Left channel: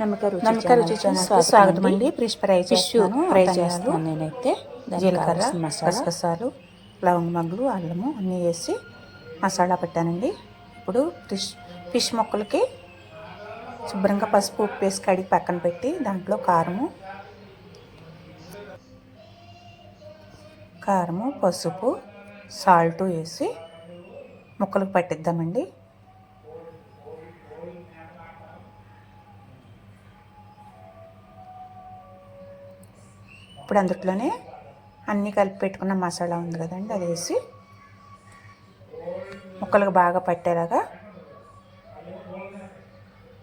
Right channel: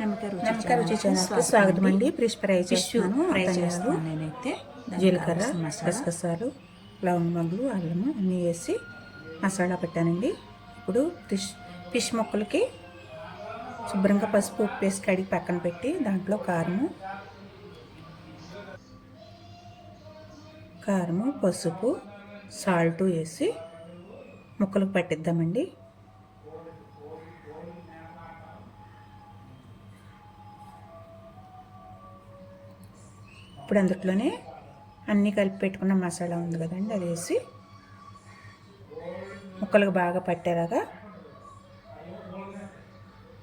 నమ్మక రుచి ఛానల్కి స్వాగతం అండి. ఫిష్ ఫ్రై చేస్తున్నాను. నేనైతే జీలకర్ర, గసగసాలు, లవంగ మగ్గులు, అల్లము అన్నీ వేసి మసాలా పెట్టానండి. ఇప్పుడు ఫిష్ ముక్కలకి శుభ్రంగా పసుపు ఉప్పు వేసి కడిగి పక్కన పెట్టి దాంట్లో కారము పసుపు సాల్ట్ వేసి ముక్కలకు పట్టిద్దామండి. ఇప్పుడు అందులోనే అన్నీ కలిపి పెట్టుకున్న మసాలా ఉంది కదండి, అది వేసి ముక్కలకు బాగా పట్టేలాగా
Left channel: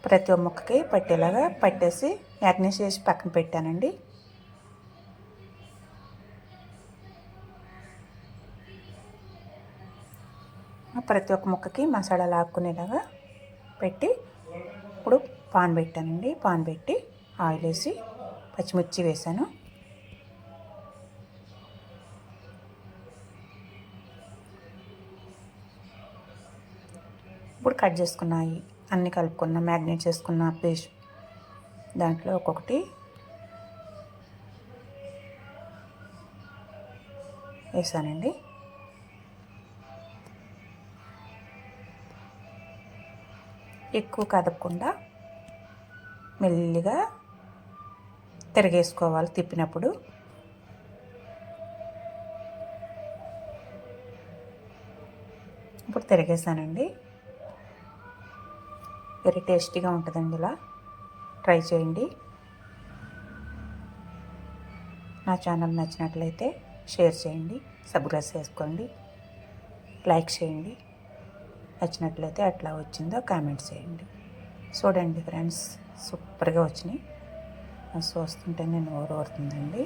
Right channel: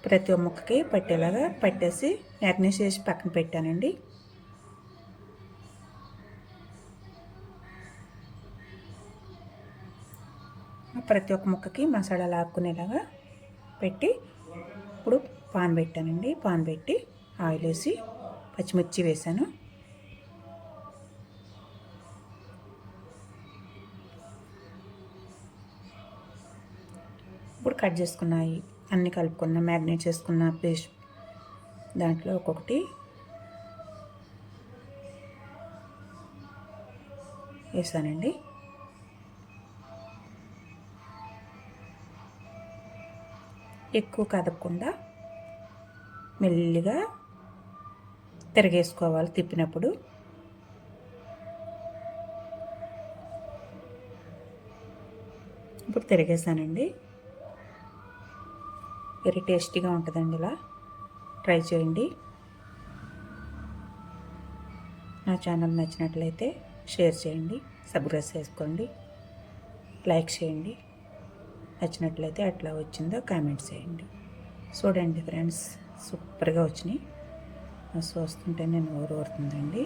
ప్రతి ఒక్క ముక్కకి పట్టేలాగా పట్టేసి మ్యాగ్నేట్ చేసి పక్కన పెట్టానండి. ప్రతి ఒక్క ముక్కకి మసాలా లాక్కునేలాగా పెట్టి ఇప్పుడు పాన్ పెట్టానండి. పాన్ పెట్టి ఆయిల్ వేసి పచ్చిమిర్చి వేసాను. ఇప్పుడు కట్ చేసుకున్నాయి అన్నీ కలుపుకున్న మ్యాగ్నేట్ చేసుకున్న ఫిష్ దాంట్లో ఒక్కొక్కటి వేసానండి. ఎక్కువ కదపకుండా మెల్లిగా తిరగేసుకోవాలి తిప్పినప్పుడు. ఇప్పుడు తిరిగేసానండి. వెరీ టేస్టీగా ఉంటుందండి. ఇలా ట్రై చేయండి. నా ఛానల్ నచ్చినట్లయితే షేర్ చేయండి, సబ్స్క్రైబ్ చేసుకోండి, లైక్ చేయండి. నచ్చినట్లయితే ఎట్లా వచ్చిందో కామెంట్ చేయండి. చూడండి ఫ్రెండ్స్, సూపర్గా వచ్చినాయి. చూస్తుంటే నేను ఊరుతుందండి.